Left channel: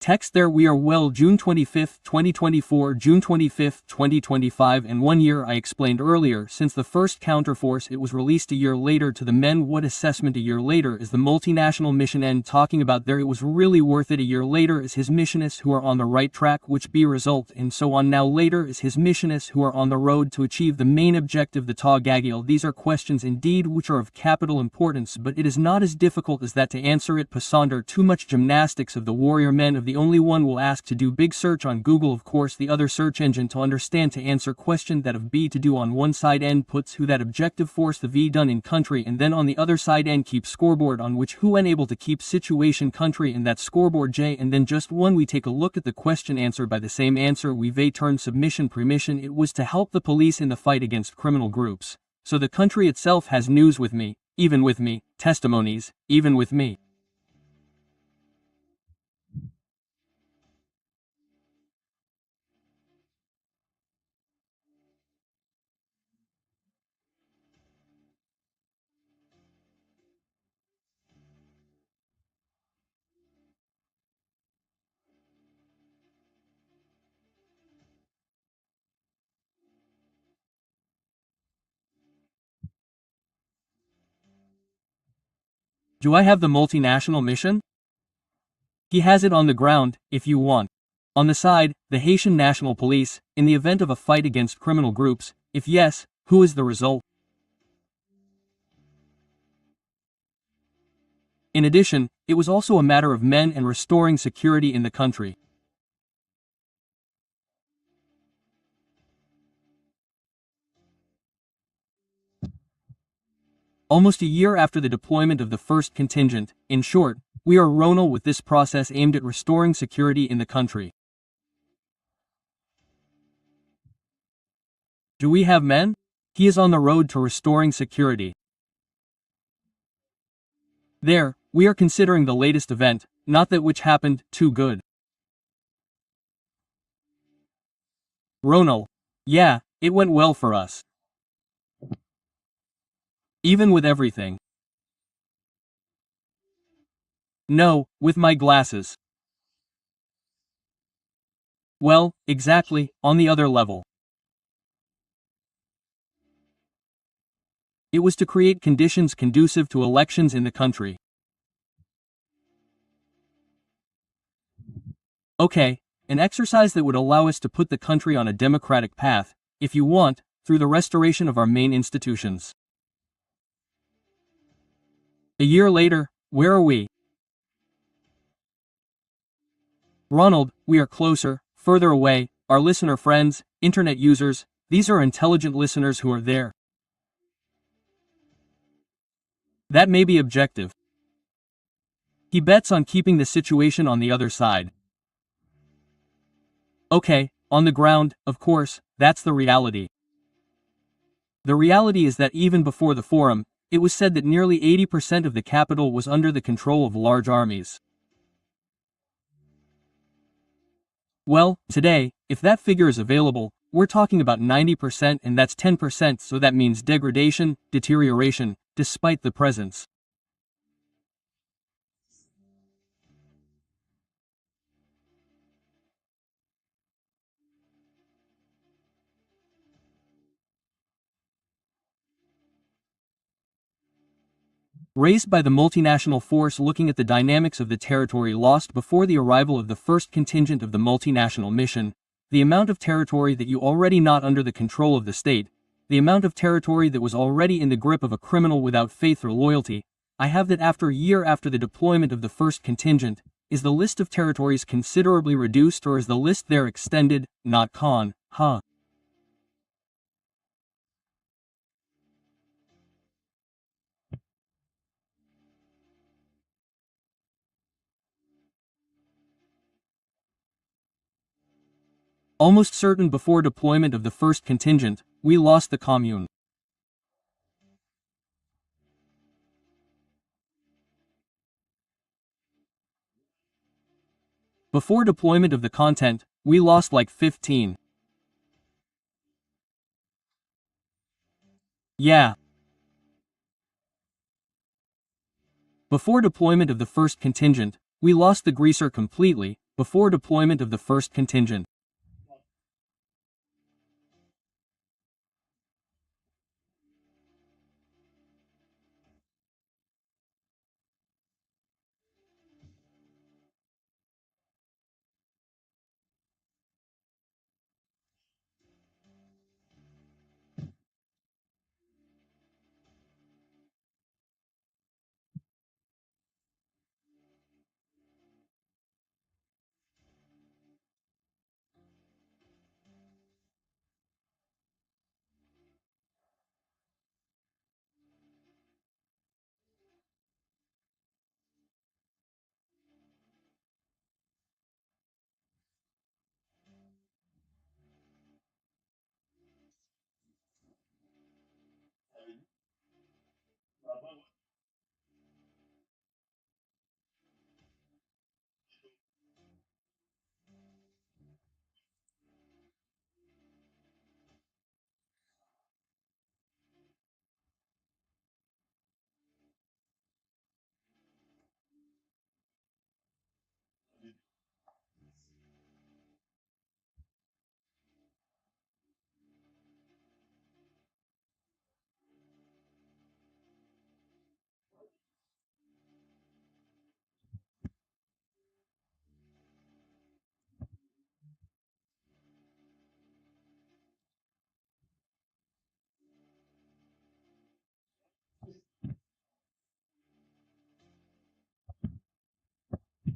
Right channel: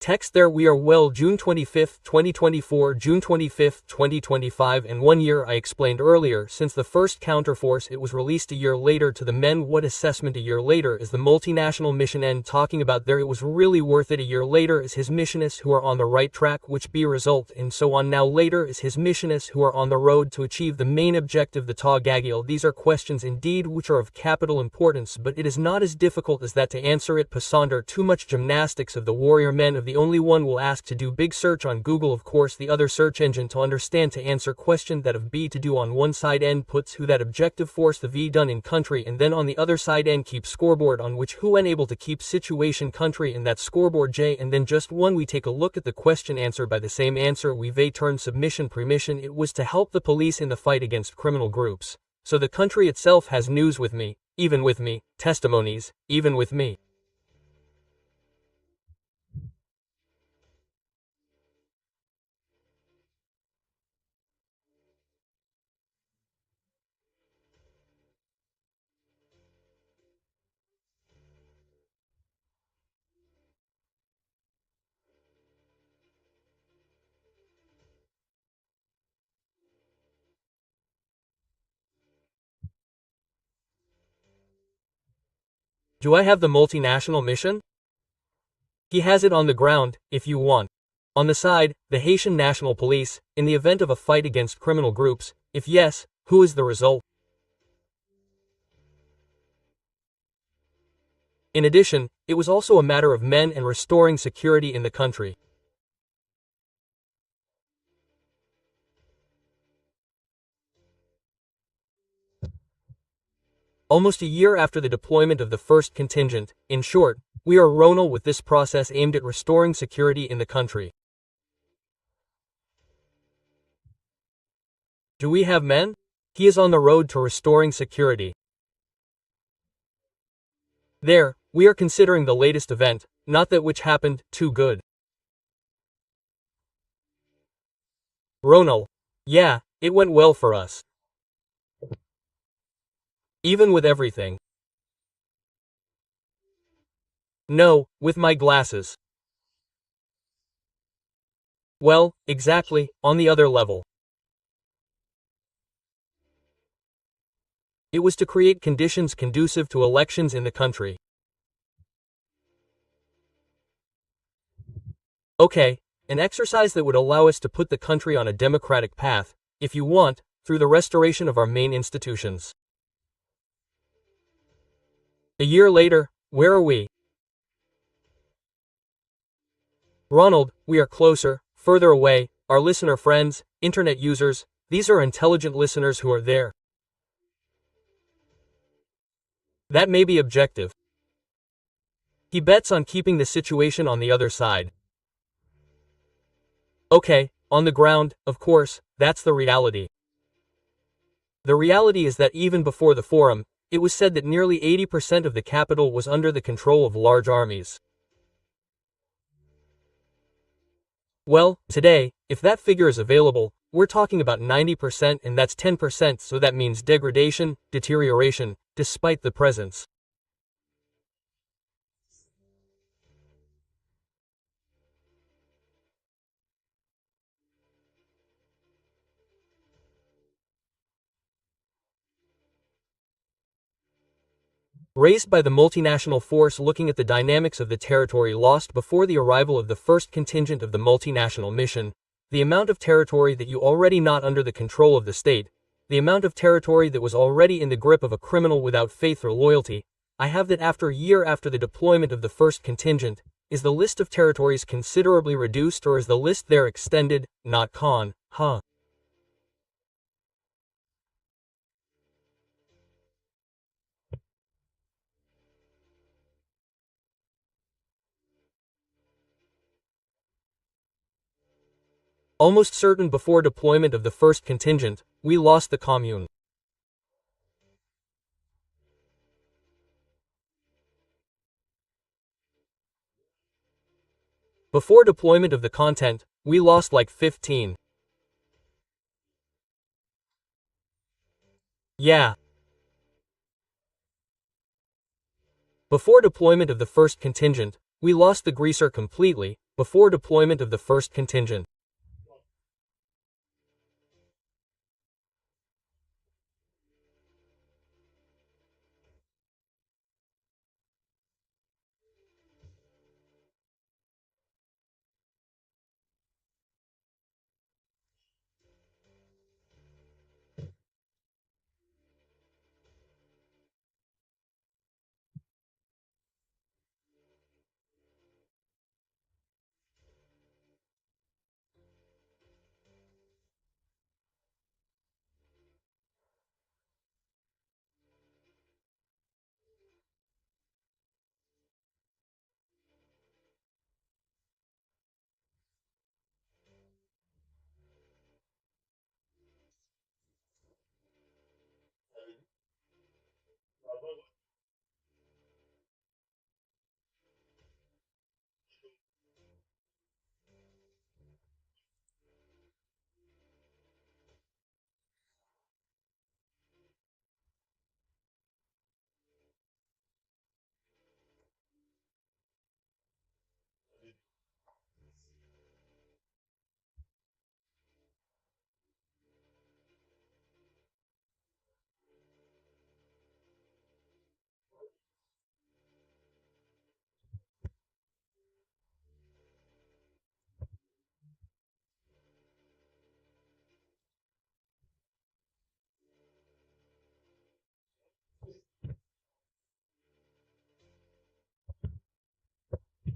Text there we are well June 25, 2024 June 25, 2025 and 1 year I explained earlier since the first counterforce it was released a year later to the men what assessment a year later is the multinational mission end talking about there it was really worth it a year later is his missionists who are on the right track which be result and so on now later is his missionists who are on the road to achieve the main objective the Tagagil these are questions indeed which are of capital importance but it is not as difficult as that to answer it Passander too much gymnastics of the warrior men of the only one will ask to do big search on Google of course the other search engine to understand to answer question that of B to do on one side n puts who that objective force the V done in country and then on the other side n keep scoreboard on which who n able to keep situation country in that scoreboard J and then just one we take a look at the question answered by the same answer we V turn submission premission it was to help the police in the fight against criminal groups. So the country itself has news with me, even with me, testimonies, even with me. Do I have the multinational mission? He has it on the ground, if you want. On the side, the Haitian National Police, in the event of a fight against criminal groups, if yes, who is the result? In addition, it was also a matter of men and restoring security in the country. Almost a year after the deployment of the first contingent, in short, we are Ronald with this process aimed at restoring security in the country. Do we have men? He is on the road to restoring security. There, we are considering the latest event, not that which happened, too good. Ronald. Yeah, it went well for us. Even with everything. No, with my glasses. Well, exactly, on the other level. It was to create conditions conducive to elections in the country. Okay, an exercise that would allow us to put the country on a democratic path, if you want, through the restoration of our main institutions. A year later, where are we? Ronald, we are closer, further away, our listener friends, internet users, these are intelligent listeners who are there. That may be objective. He bets on keeping the situation on the other side. Okay, on the ground, of course, that's the reality. The reality is that even before the forum, it was said that nearly 80% of the capital was under the control of large armies. Well, today, if that figure is available, we're talking about 90% and that's 10% so that means degradation, deterioration, despite the presence. Raised by the multinational force looking at the dynamics of the territory lost before the arrival of the first contingent of the multinational mission, the amount of territory that you already not under the control of the state, the amount of territory that was already in the grip of a criminal without faith or loyalty, I have that after a year after the deployment of the first contingent, is the list of territories considerably reduced or is the list there extended, not con, huh? Almost certain before deployment of the first contingent, we lost the commune. Before deployment of the content, we lost like 15. Yeah. Before deployment of the first contingent, we lost the greaser completely, before deployment of the first contingent.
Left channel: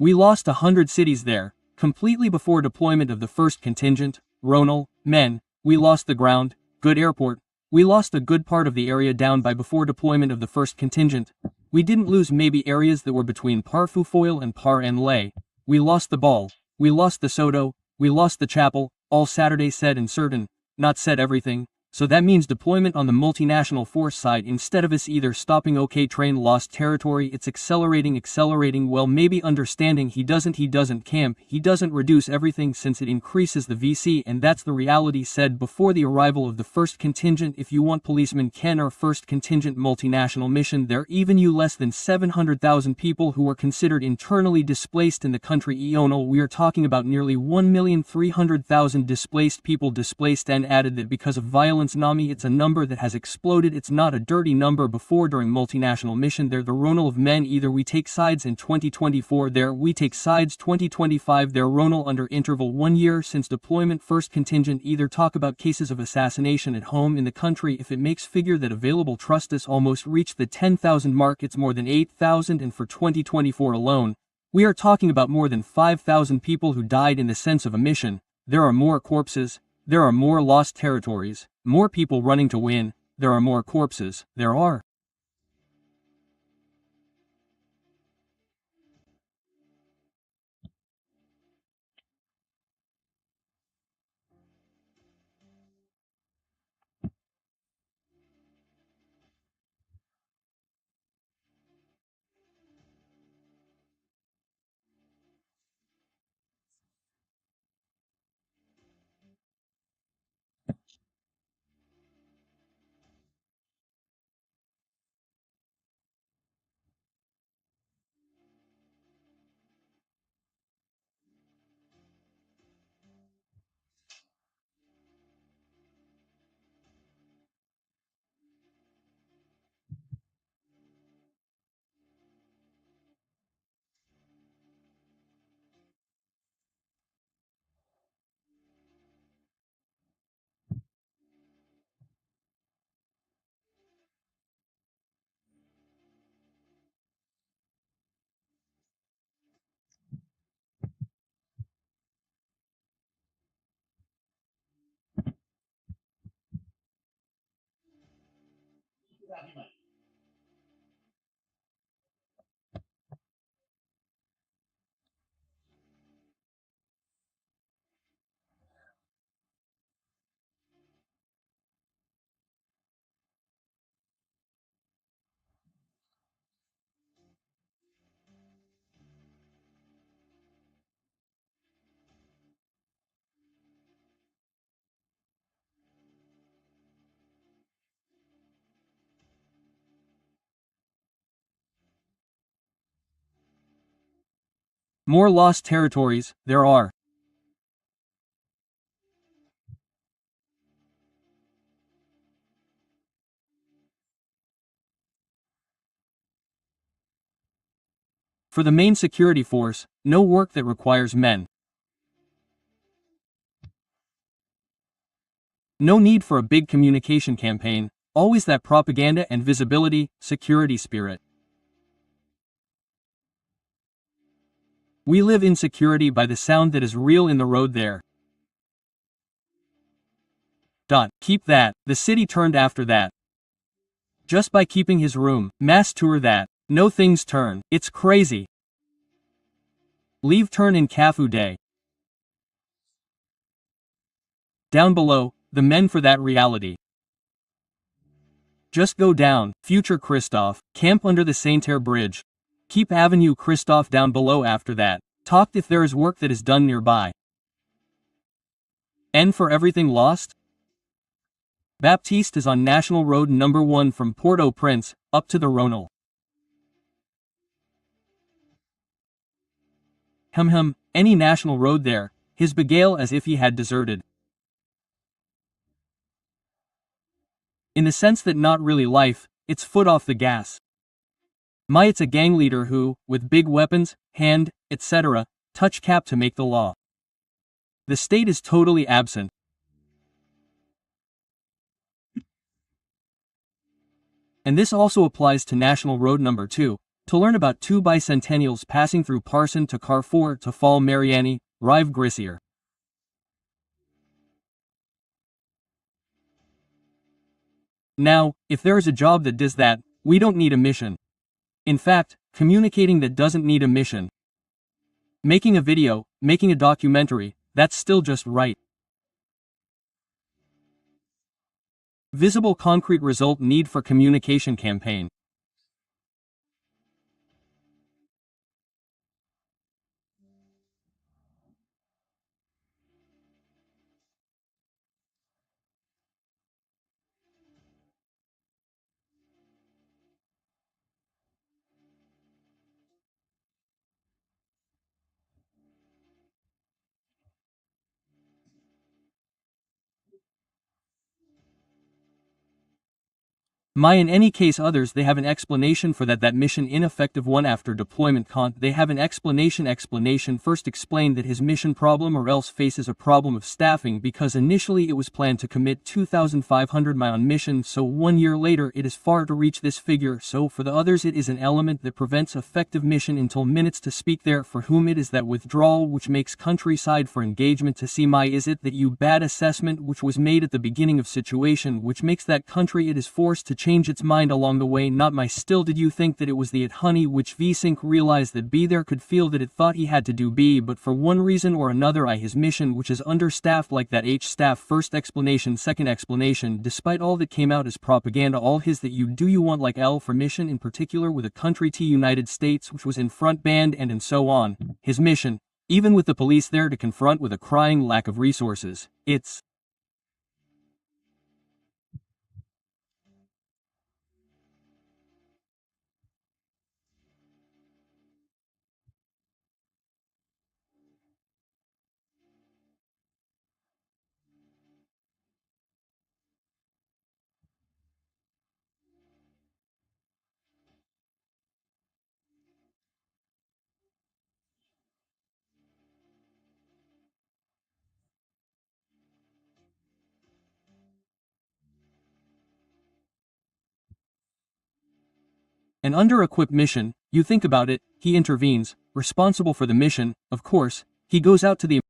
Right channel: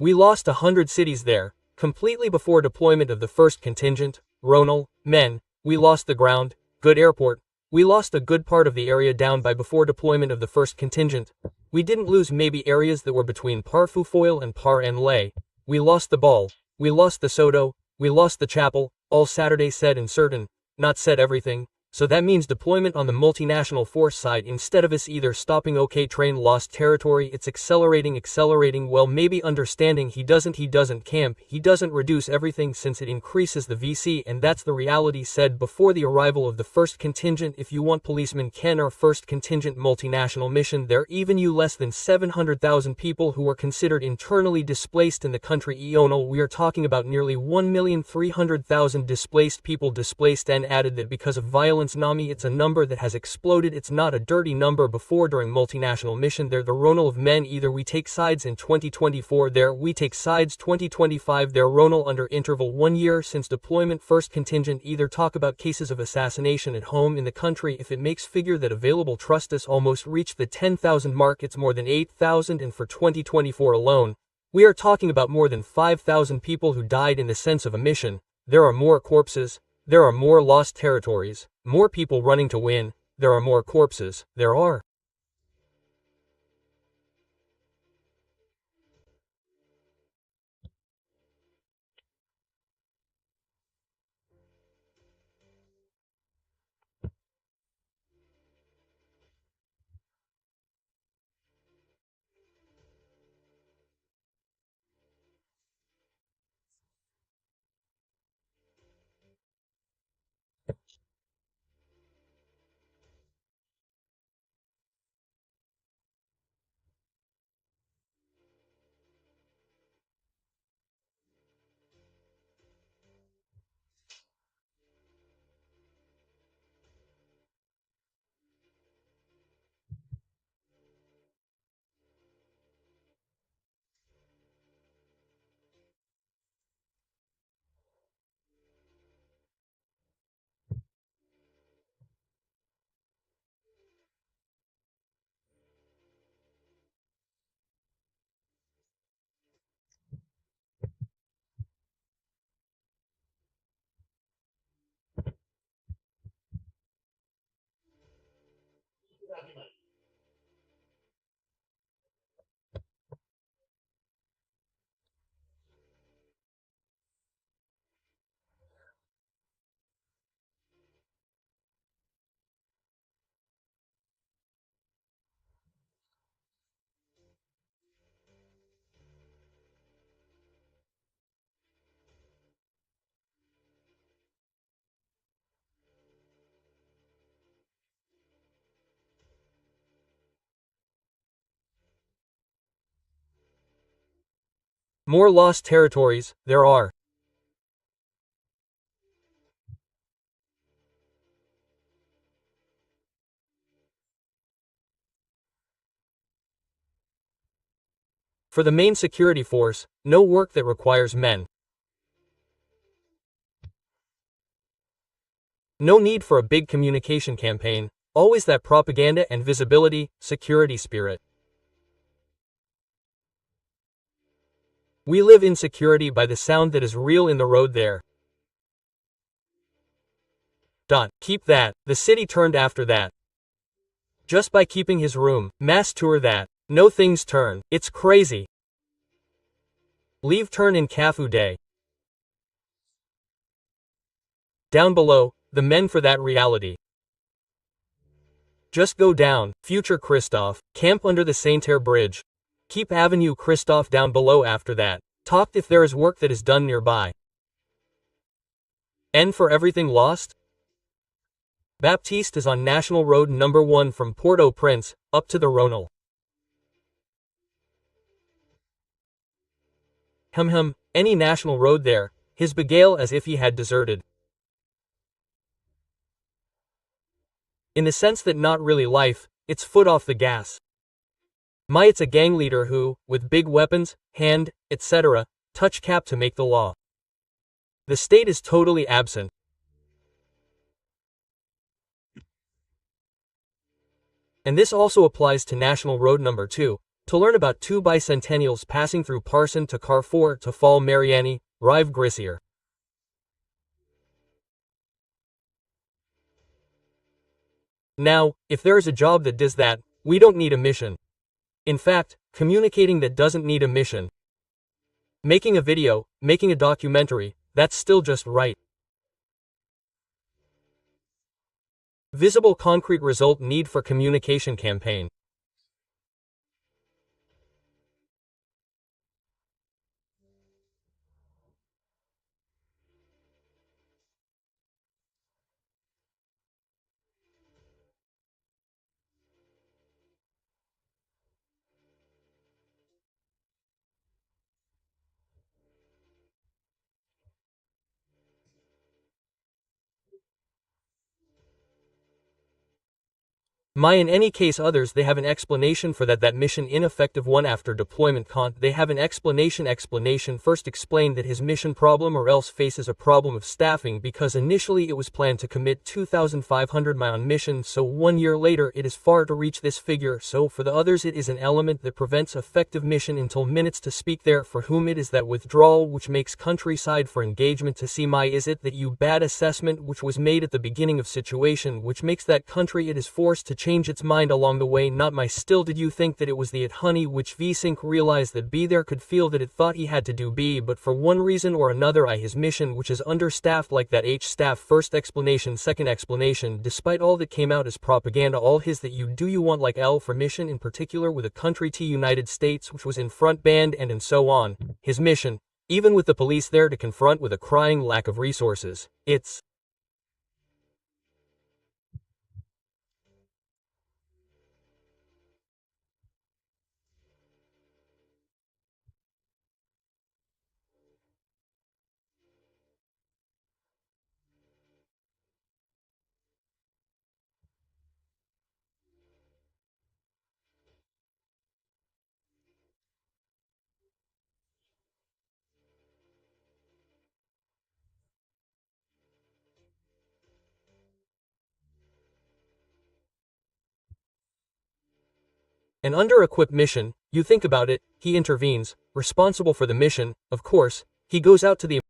We lost 100 cities there, completely before deployment of the first contingent, Ronal, men, we lost the ground, good airport, we lost a good part of the area down by before deployment of the first contingent. We didn't lose maybe areas that were between Parfufoil and Par and Lay. We lost the ball, we lost the Soto, we lost the chapel, all Saturday said and certain, not said everything. So that means deployment on the multinational force side instead of us either stopping OK train lost territory it's accelerating well maybe understanding he doesn't camp he doesn't reduce everything since it increases the VC and that's the reality said before the arrival of the first contingent if you want policemen can our first contingent multinational mission there even you less than 700,000 people who are considered internally displaced in the country Eonal we are talking about nearly 1,300,000 displaced people displaced and added that because of violence Nami it's a number that has exploded it's not a dirty number before during multinational mission there the Ronal of men either we take sides in 2024 there we take sides 2025 there Ronal under interval 1 year since deployment first contingent either talk about cases of assassination at home in the country if it makes figure that available trust us almost reached the 10,000 mark it's more than 8,000 and for 2024 alone we are talking about more than 5,000 people who died in the sense of a mission there are more corpses there are more lost territories, more people running to win, there are more corpses, there are. More lost territories, there are. For the main security force, no work that requires men. No need for a big communication campaign, always that propaganda and visibility, security spirit. We live in security by the sound that is real in the road there. Keep that, the city turned after that. Just by keeping his room, mass tour that. No things turn, it's crazy. Leave turn in Cafu Day. Down below, the men for that reality. Just go down, future Christoph, camp under the Saint-Air Bridge. Keep Avenue Christoph down below after that. Talked if there is work that is done nearby. N for everything lost? Baptiste is on National Road number 1 from Port-au-Prince, up to the Rhônal. Any national road there, his beguile as if he had deserted. In the sense that not really life, it's foot off the gas. It's a gang leader who, with big weapons, hand, etc., touch cap to make the law. The state is totally absent. And this also applies to National Road number 2, to learn about 2 bicentennials passing through Parson to Carrefour to Fall Mariani, Rive Grissier. Now, if there is a job that does that, we don't need a mission. In fact, communicating that doesn't need a mission. Making a video, making a documentary, that's still just right. Visible concrete result need for communication campaign. In any case others they have an explanation for that mission ineffective one after deployment they have an explanation first explain that his mission problem or else faces a problem of staffing because initially it was planned to commit 2,500 on mission so 1 year later it is far to reach this figure so for the others it is an element that prevents effective mission until minutes to speak there for whom it is that withdrawal which makes countryside for engagement to see is it that you bad assessment which was made at the beginning of situation which makes that country it is forced to change its mind along the way not still did you think that it was the it honey which V-Sync realized that B there could feel that it thought he had to do B but for one reason or another his mission which is understaffed like that H staff first explanation second explanation despite all that came out as propaganda all his that you want like L for mission in particular with a country T United States which was in front band and so on his mission even with the police there to confront with a crying lack of resources it's an under-equipped mission, you think about it, he intervenes, responsible for the mission, of course, he goes out to the